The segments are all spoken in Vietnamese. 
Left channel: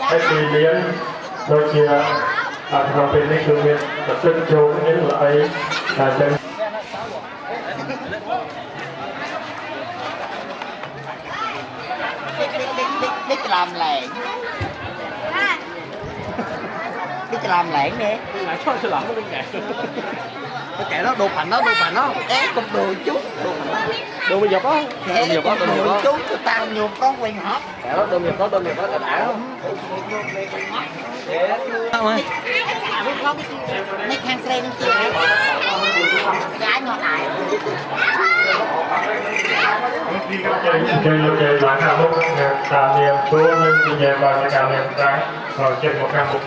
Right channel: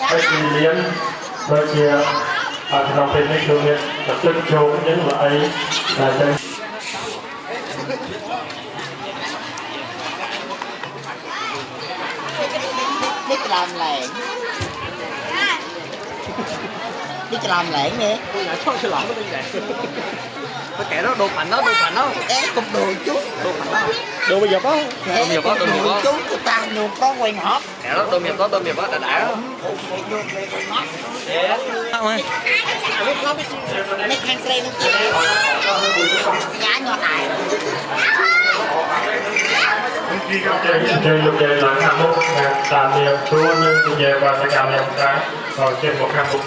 hay thì liếm đôi khiเราเป็นนี่คือเนี่ยตึ้งโจงนี่แหละไอ้แต่Đích làm lẻn Đích làm lẻn nè Thôi chứ lỏng nó đơn giản. Cái kẻ nó đồ phản nó. Ê, cục đồ chút Đồ phản nó. Đồ bây giờ có. Ê, cục đồ chút, tụi tao nhuộm con quen hót Kẻ đó tôm miệng có đã không? Nhuộm về quen hót Sao ơi? Nít hang xe nó chịu Gái ngọt ải khi các chơi làm hạng mục tạm niệm chú nhưng thì về và sẽ cảm nhận ra ở trên một hạng mục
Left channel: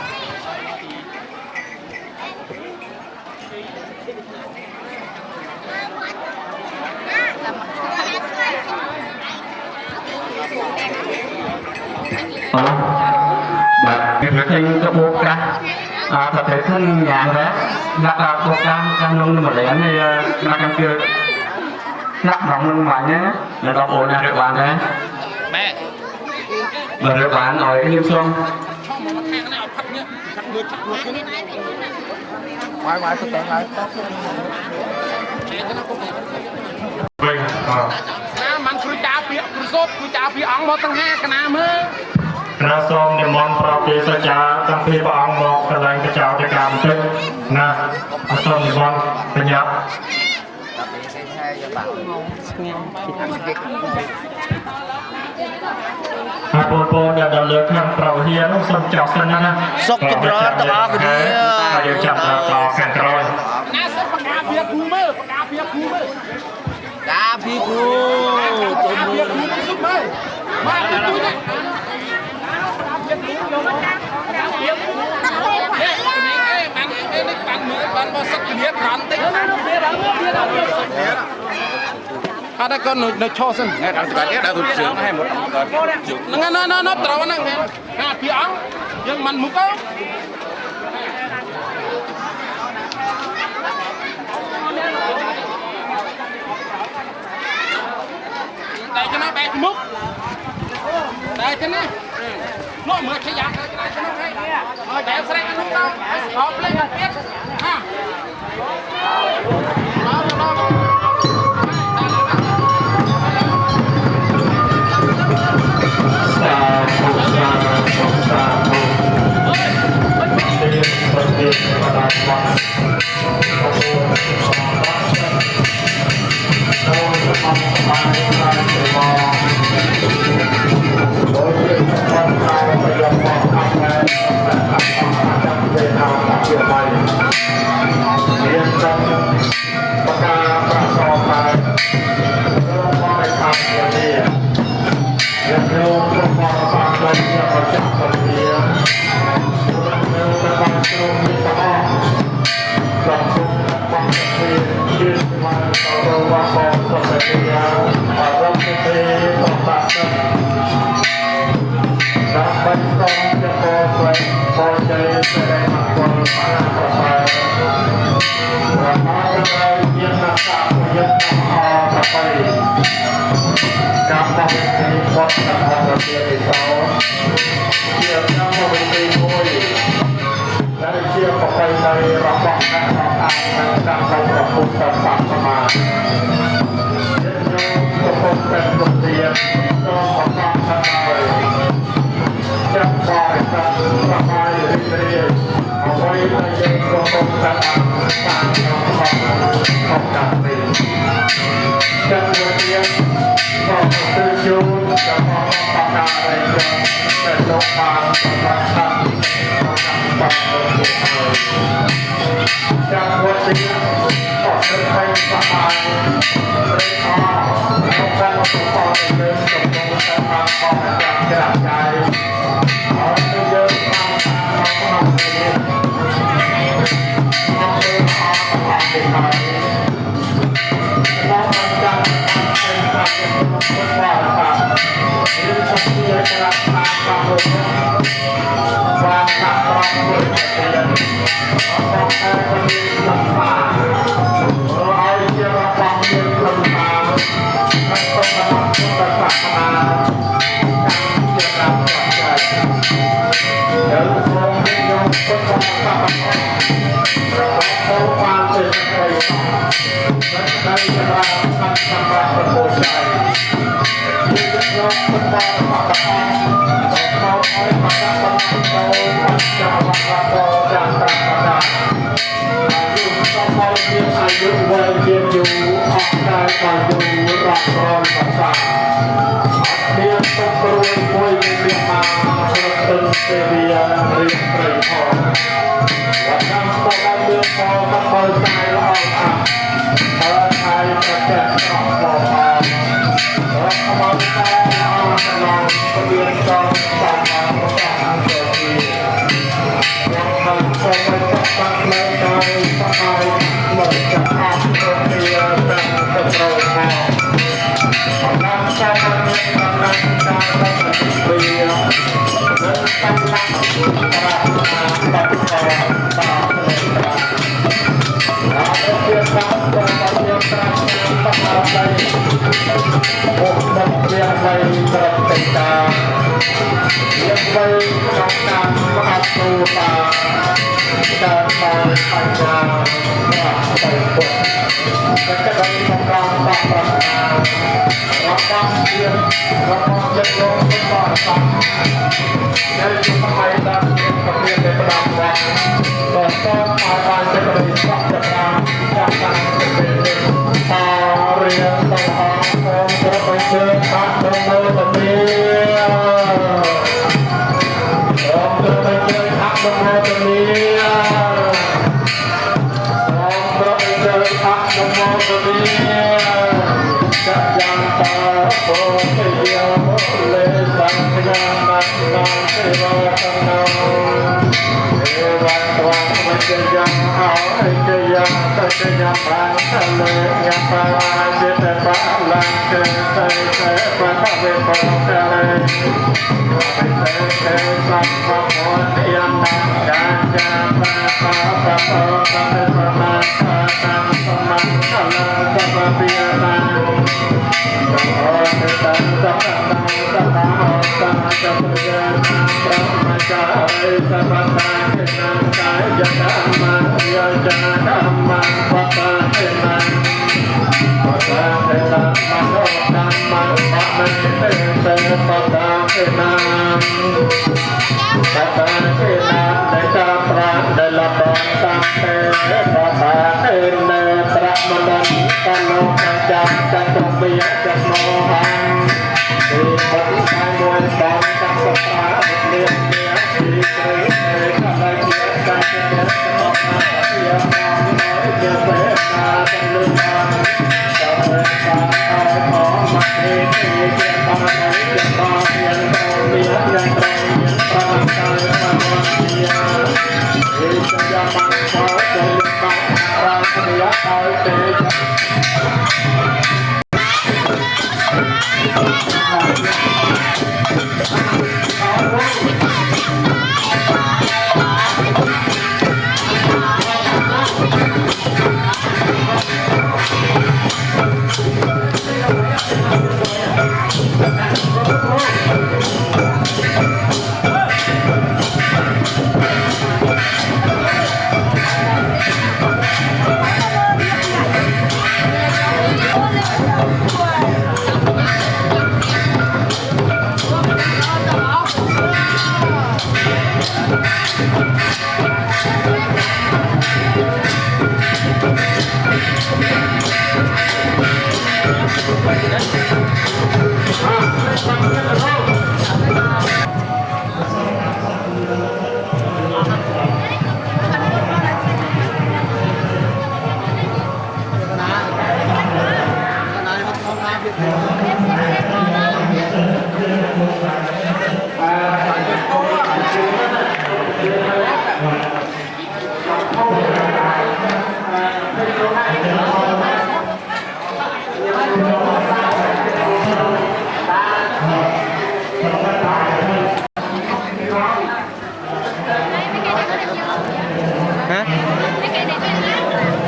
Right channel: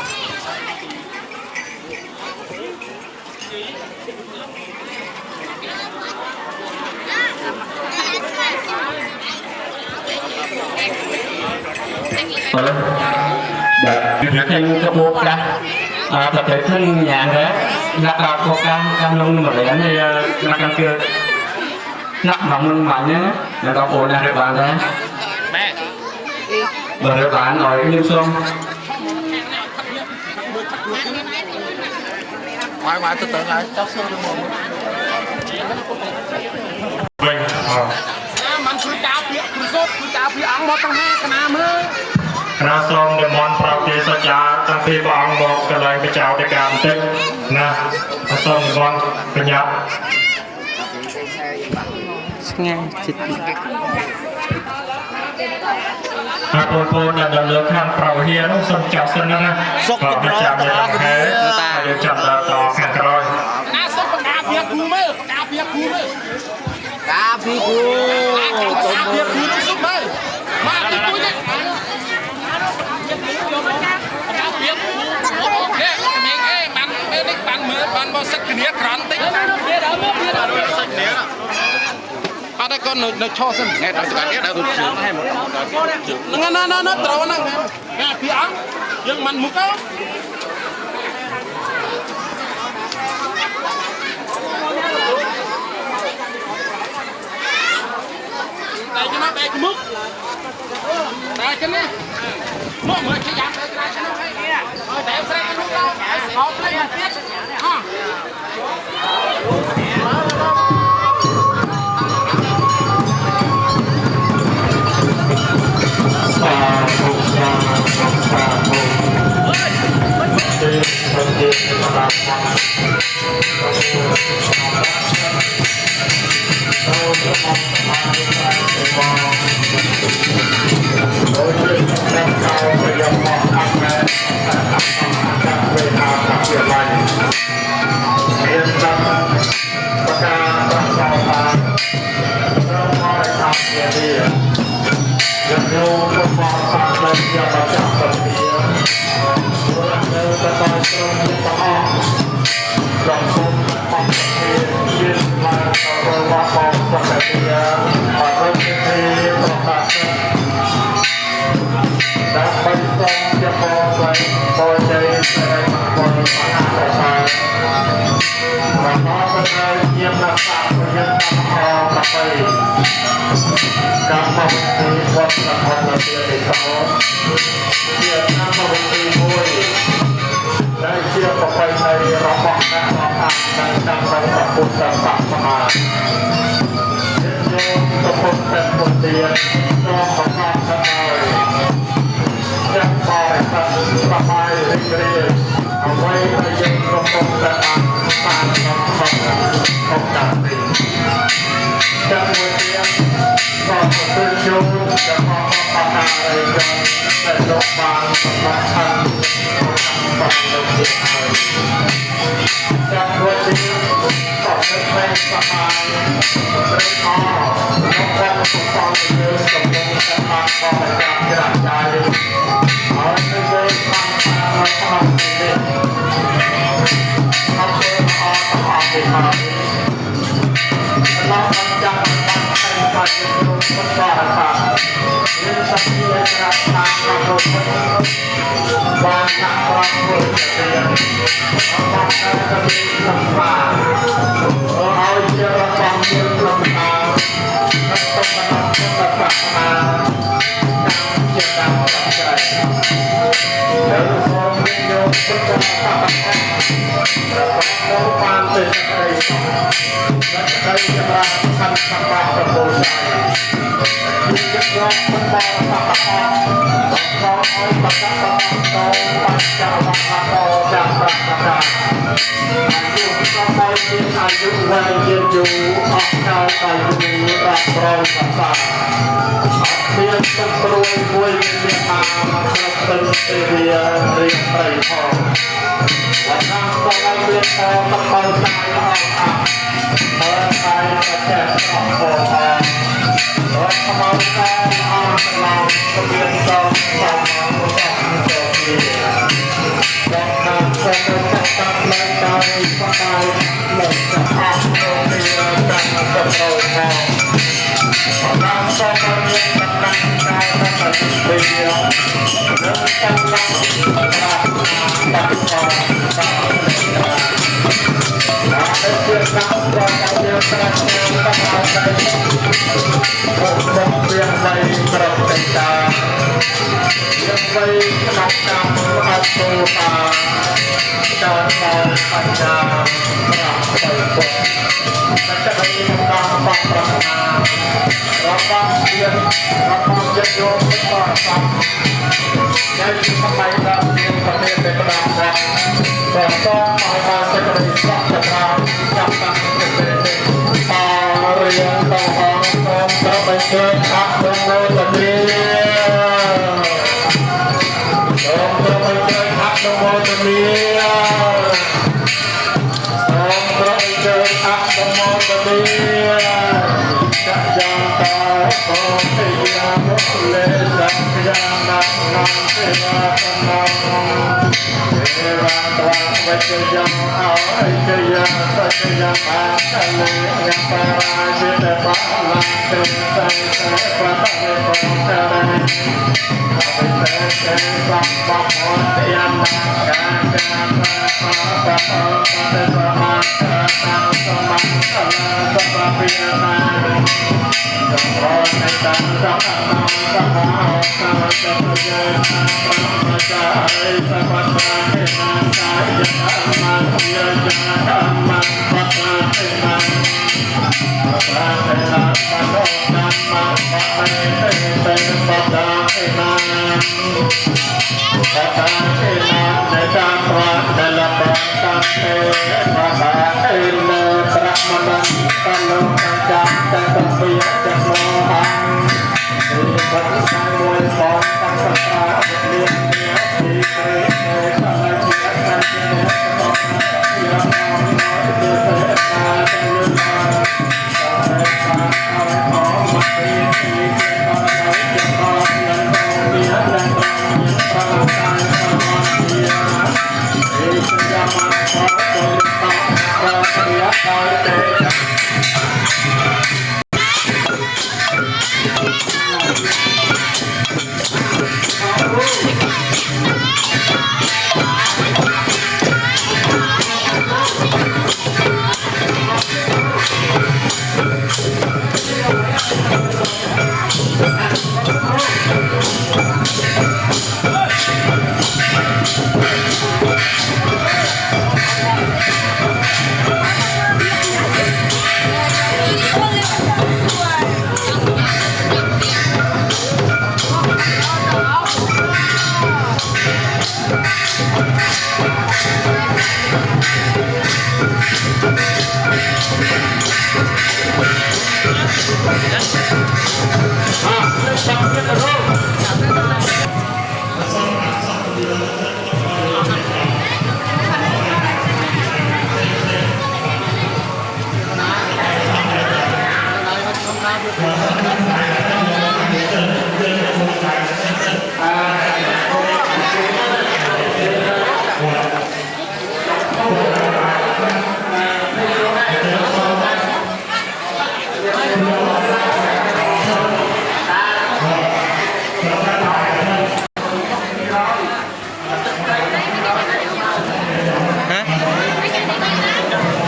việc anh cho buộc ra tập thể thân nhà đấy lạc buộc ra đang lông một lẻ này lạc đang chưa nắp lòng lưng mà nhé là có bộ nhà được bạn đấy bởi được bạn ở Liêm Xuân Ngoài tôi tưởng lại. Vâng, Mình cứ chào phía rốt, cứ chào phía ống một tầng hai cái nào mơ. เราសូមនិមន្តប្រតិសចាទាំងពីរព្រះអង្គមកកន្លែងបច្ចោតកម្មបន្តិចណាសូមនិមន្តបញ្ញាប់ស្ងាត់ចិត្តហើយបងប្អូនដែលនៅលើខាងប្រវហ៊ានសូមចោះសិនណាសុខចម្រើនតឡាគ្នាតាយើងចាត់ដល់ខាងក្រោយ ណាសុំបកាពីគូមើលបកាពីគូមើល Cá phi cú កាពីគូទៅសុំមើលមកពីគូនេះបានមើលបានមកសឹកគ្នាក្រន់តិចអត់ក៏នៅឈោសិនថ្ងៃដល់ច្បាស់នេះដល់ទៅជើងឲ្យមកណ៎ត្រូវហ្នឹងណាពីអង្គយើងមិនមុខទៅតែគេបែកមុខតែគេនេះនោះមើលជាយ៉ាងទៅក្រៅឆ្នាំហើយគេតែស្រែកនោះទៅឲ្យស្គប់លេងទៀតហា Hãy subscribe cho kênh Ghiền Mì Gõ để không bỏ lỡ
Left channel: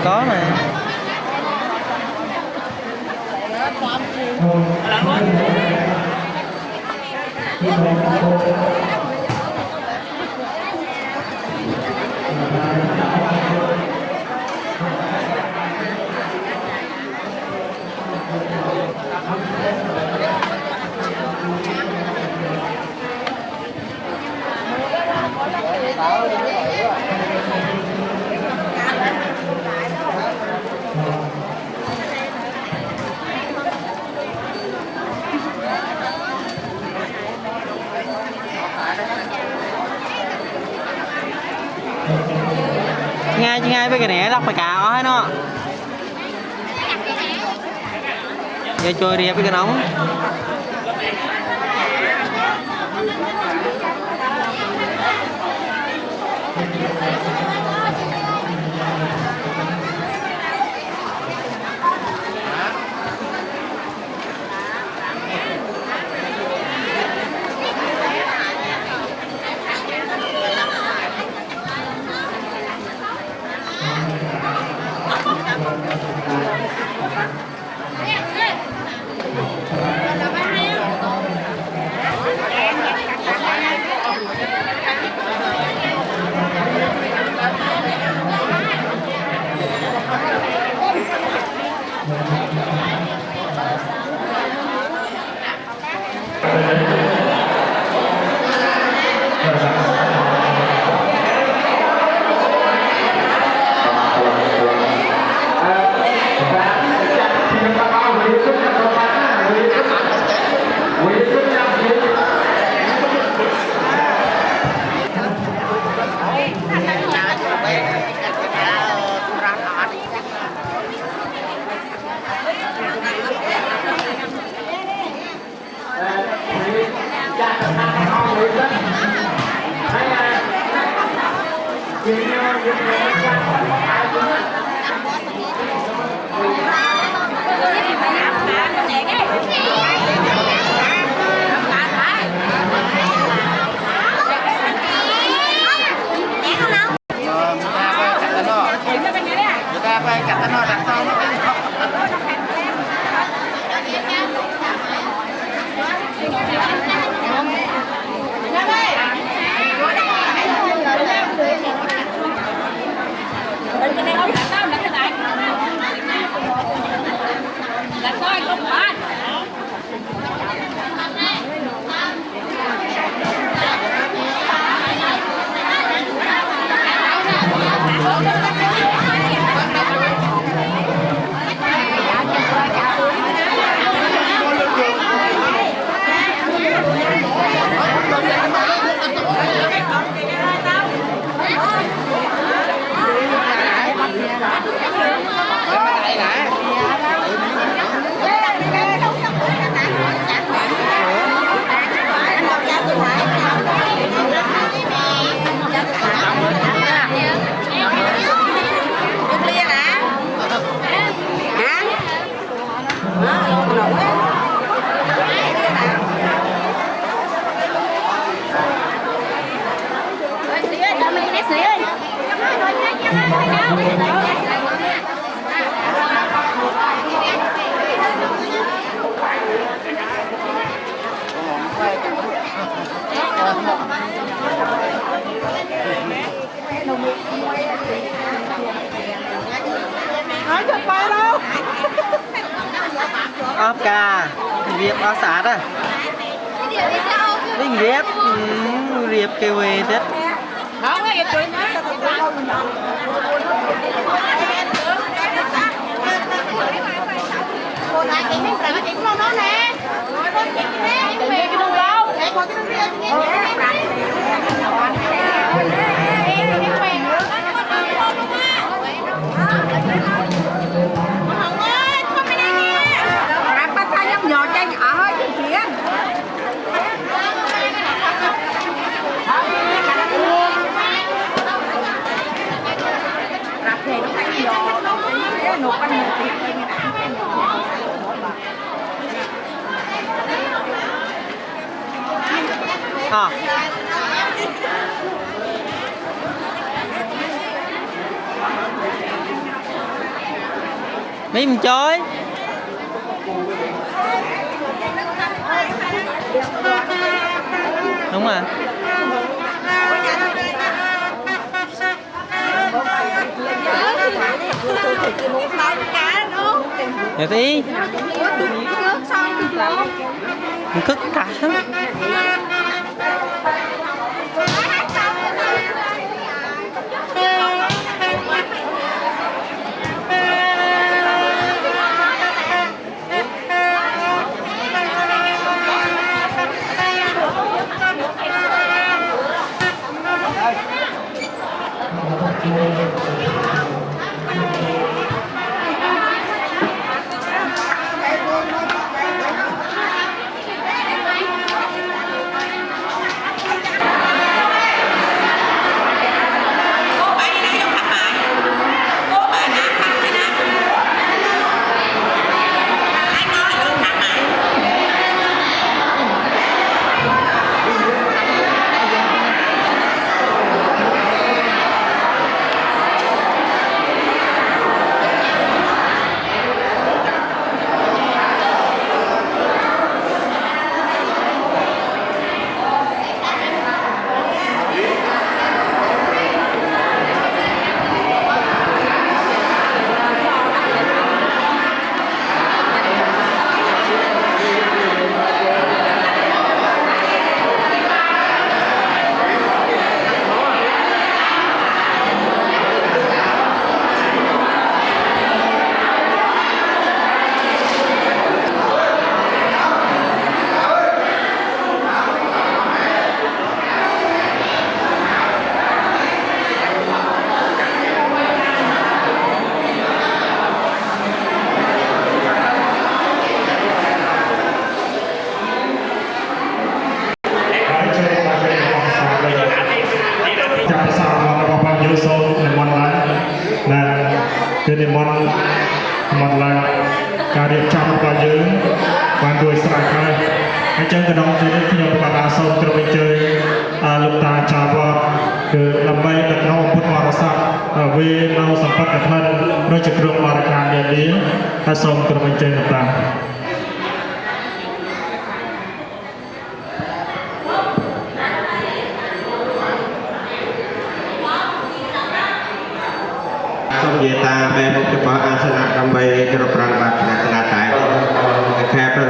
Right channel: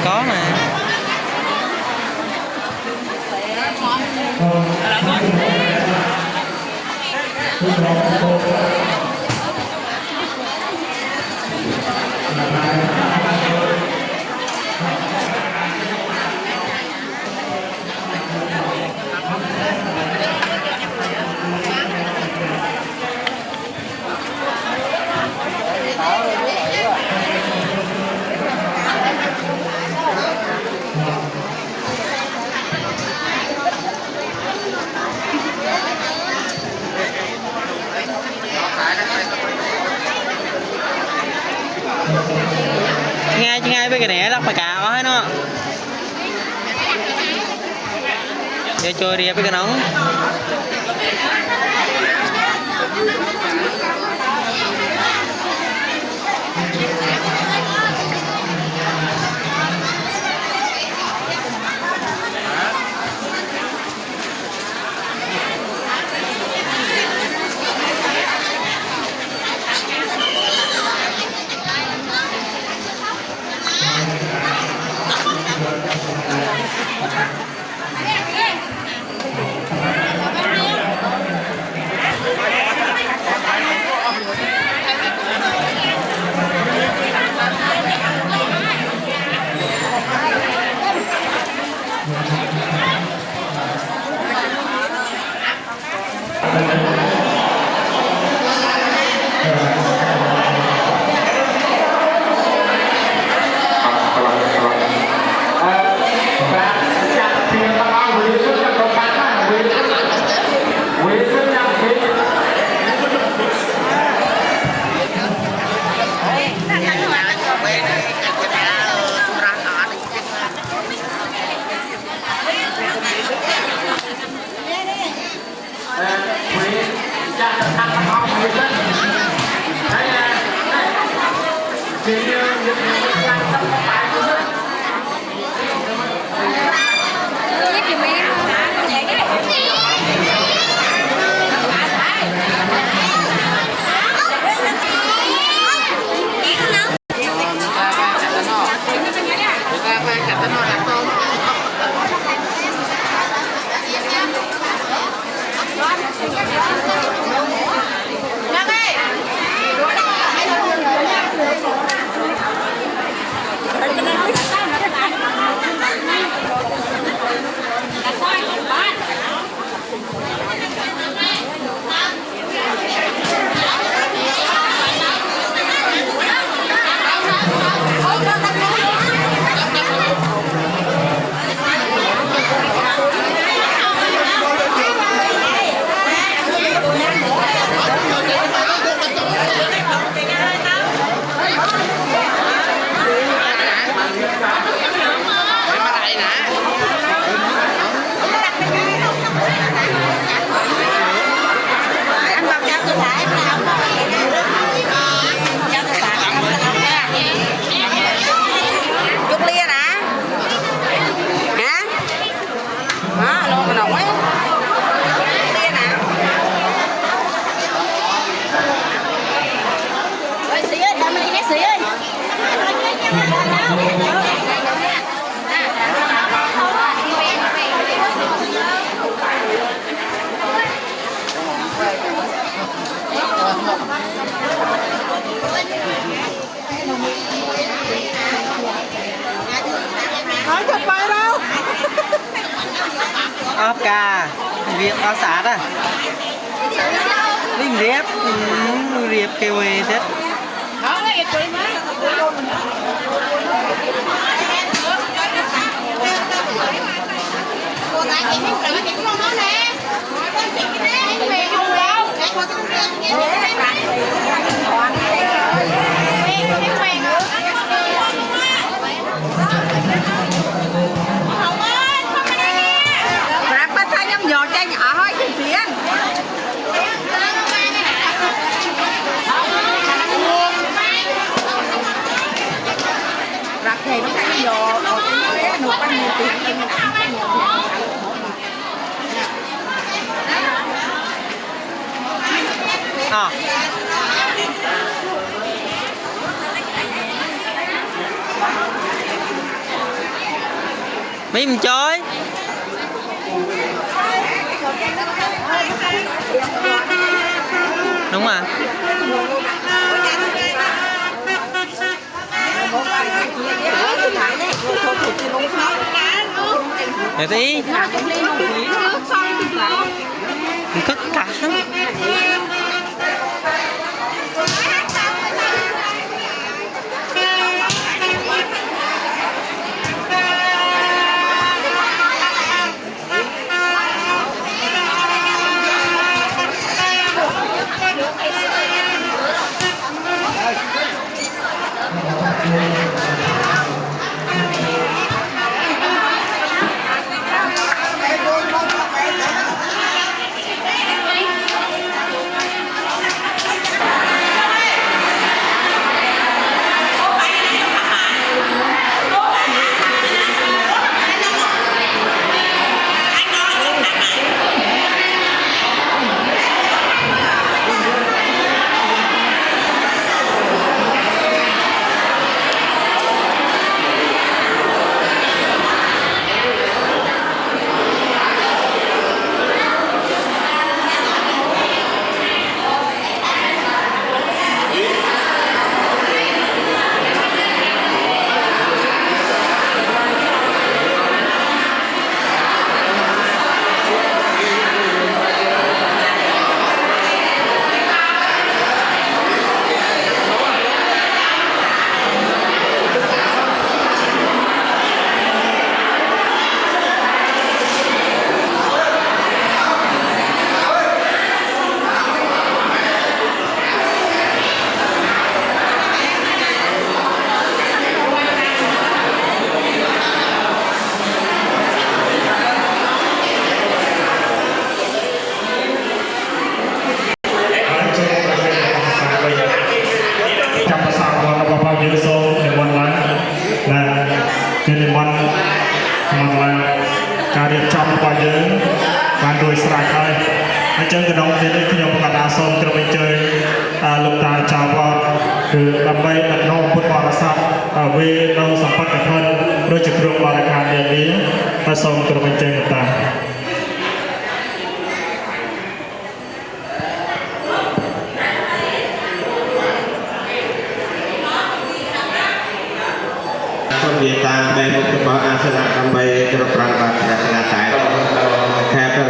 Có mà. ngay với cái này lắc phải cả hết nó giờ chơi đi với cái nóng ốp ca riệp áo sạt à linh riệp kêu về chết không ấy tụi nó cô gái chị biết là chị không nói nè chị cái này chị không đâu cô chị không Hồng ơi, không cái này nè. Rắc bắt tay nhắm nhỏ cho nhỏ thôi chuyện chuyện. Rắc thì nó thành nhỏ, cái nuột ăn nhiều tiền. à mấy mình chơi đúng rồi để tí mình cất cả Thank you. trên niệm mong làการរៀបចំរបស់យើងបានរួចស្រេចហើយអញ្ចឹងកណ្ដុងទៀតខ្ញុំបាទសូមក្រុមអញ្ជើញលោកតាចាវត្តគឺដើម្បីដឹកនាំពុទ្ធបរិស័ទវានៅសម្បត្តិកថាដូចជាគ្រឿងបរិការនានាហើយសូមក្រុមអញ្ជើញលោកតា Dia tak baik untuk asal kembali terperangkap tengah-tengah kata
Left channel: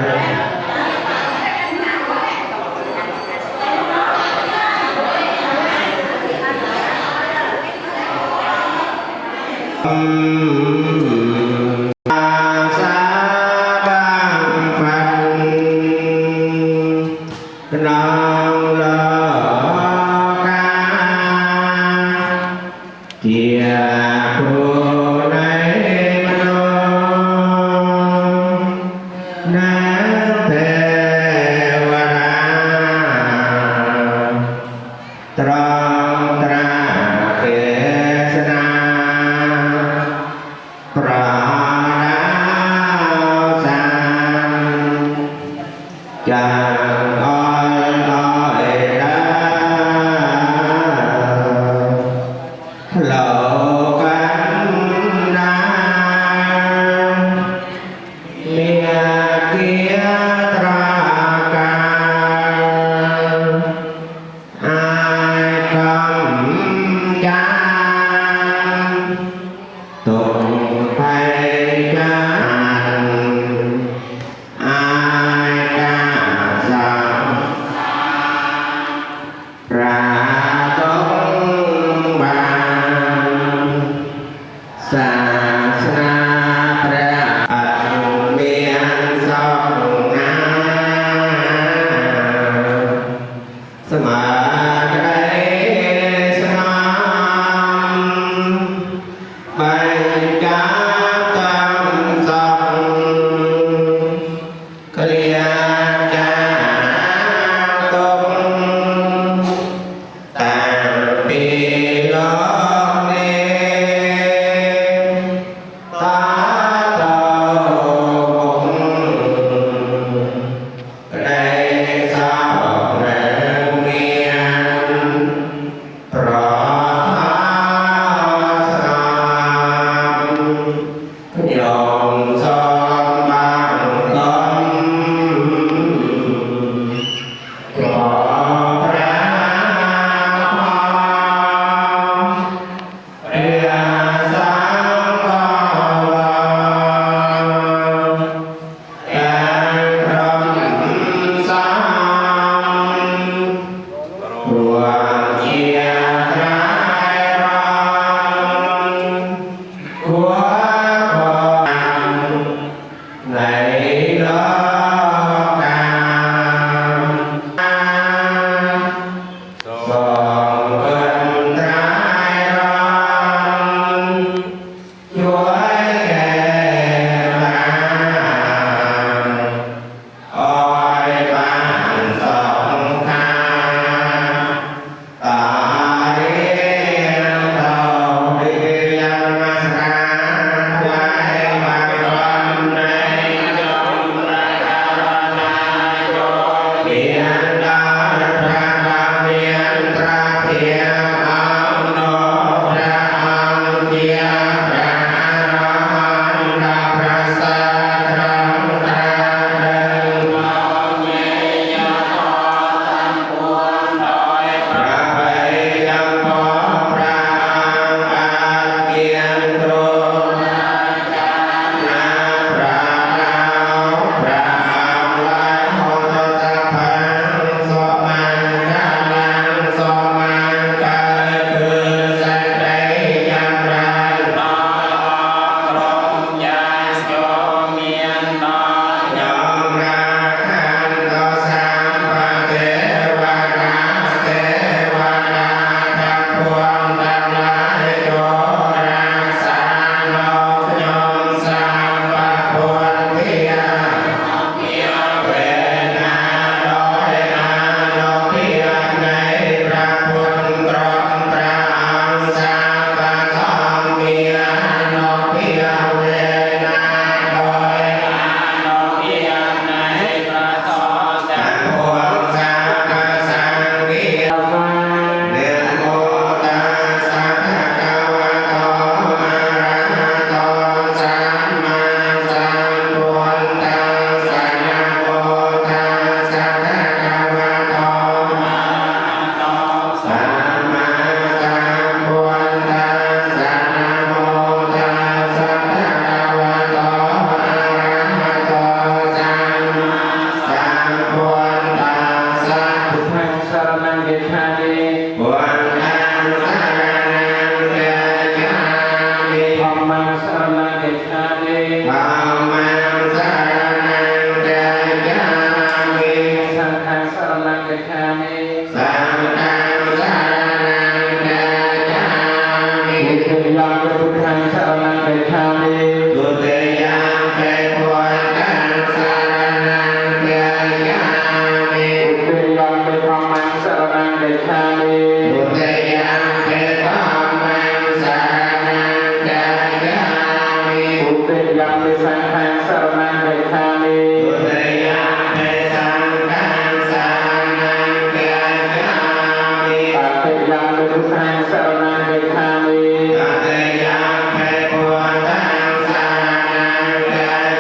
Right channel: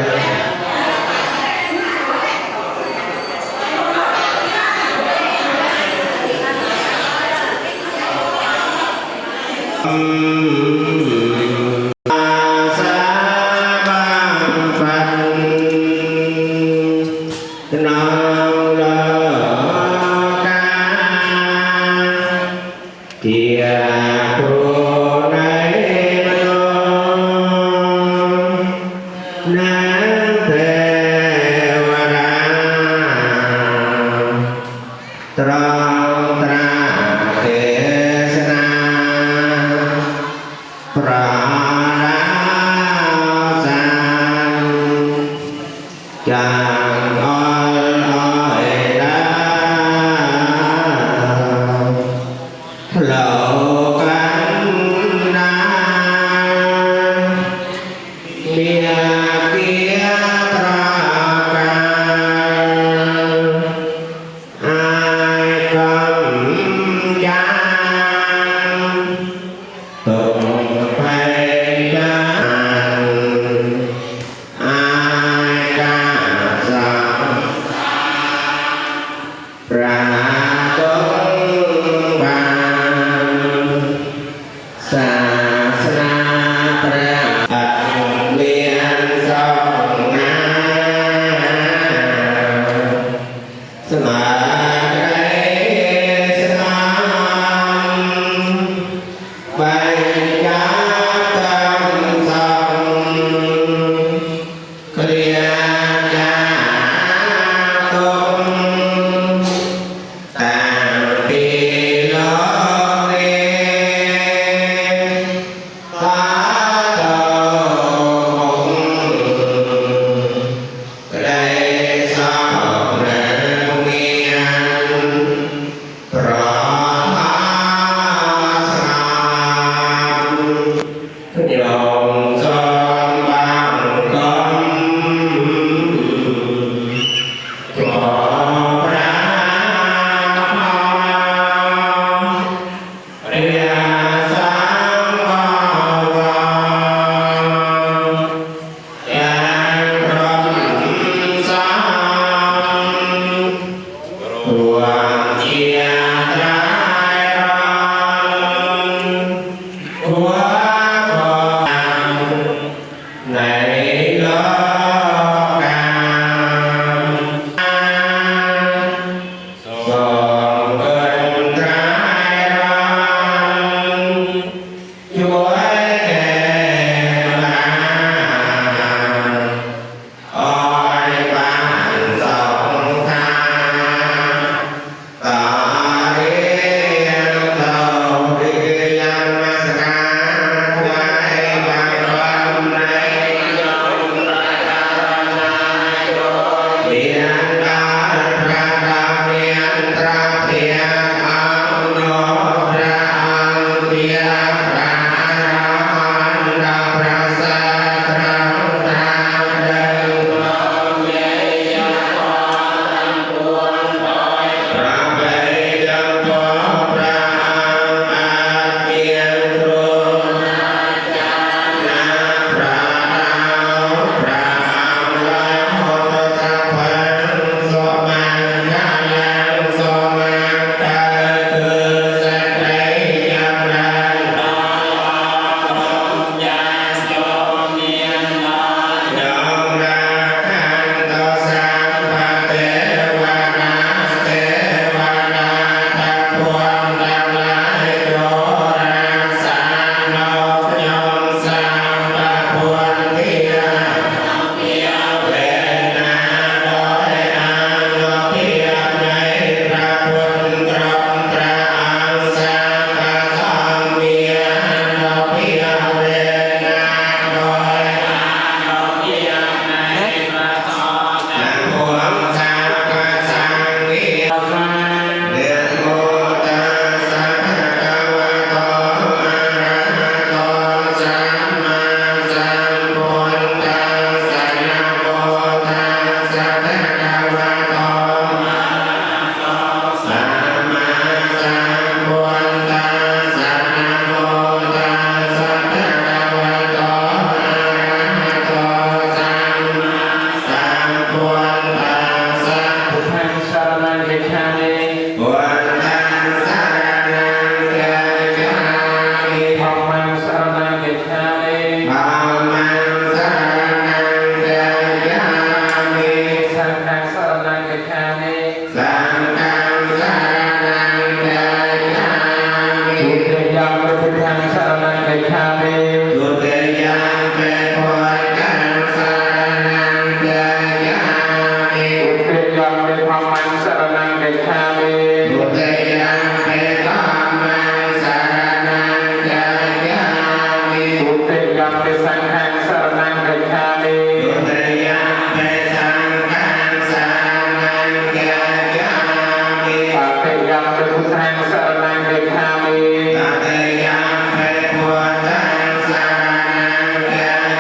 ยังเป็นพุทธังสรณังเกขามิ ตัตติยังเป็นพุทธังสรณังเก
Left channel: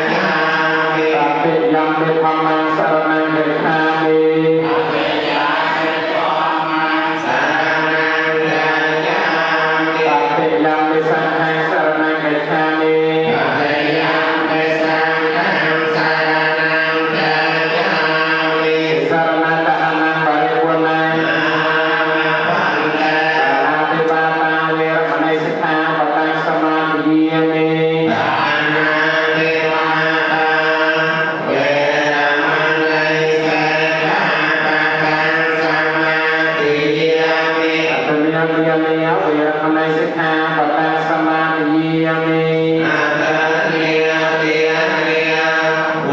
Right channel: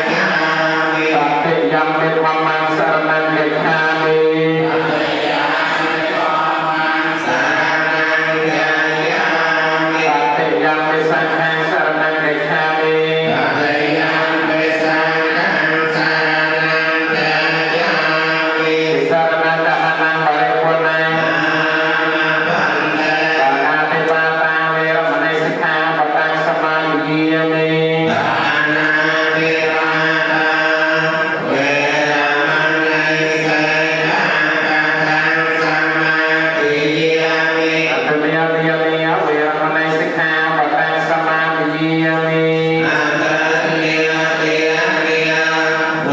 ขะมิ ตัตติยังเป็นธัมมังสรณังเกขามิ ตัตติยังเป็นธัมมังสรณังเกขะมิ ตัตติยังเป็นสังฆังสรณังเกขามิ ตัตติยังเป็นสังฆังสรณังเกขะมิ สรณะกะหังบริปุณัง ปันเต สานาติปาตาเวรมณีสิกขาปะตังสมาธิยามิ ปานาติปาตาเวรมณีสิกขาปะทังสมาธิยามิ อัตตยามิยามิยาเวรมณีสิกขาปะตังสมาธิยามิ อาตติยาติยาติยาเว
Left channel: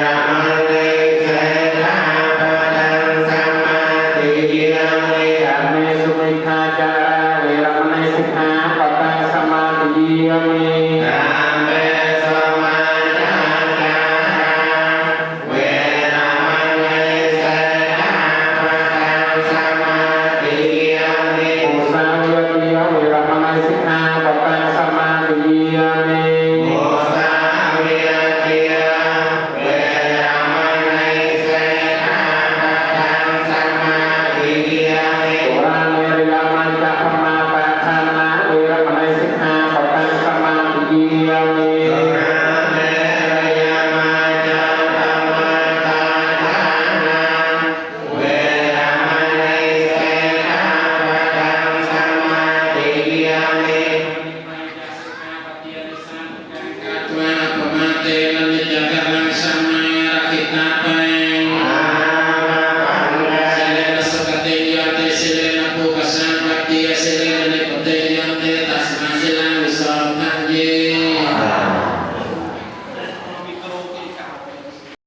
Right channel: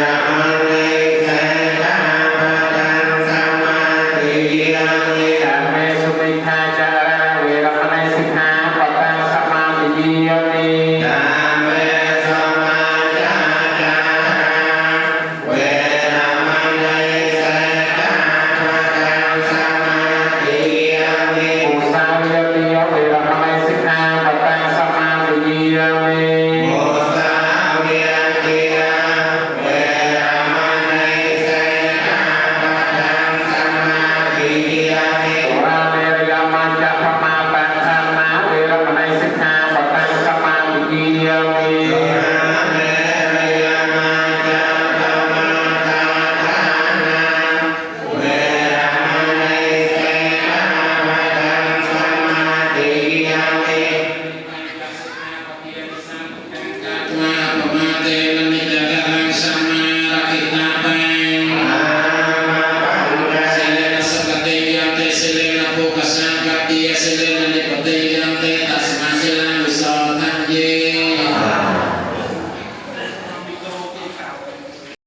รมณีสิกขาปะทังสมาธิยามิ สัมเมสุมิทาจาราเวรมณีสิกขาปะตังสมาธิยามิ กาเมสมาจาจาราเวรมณีสิกขาปะทังสมาธิยามิ อุสาวิยติยาเวรมณีสิกขาปะตังสมาธิยามิ โมสาวิยติยาเวรมณีสิกขาปะทังสมาธิยามิ โอราเมรยามัจจพมาปะทานาเวรมณีสิกขาปะตังสมาธิยามิ โยนาเมรยมาจาภมาทาทานาเวรมณีสิกขาปะทังสมาธิยามิ ตัวปมาเต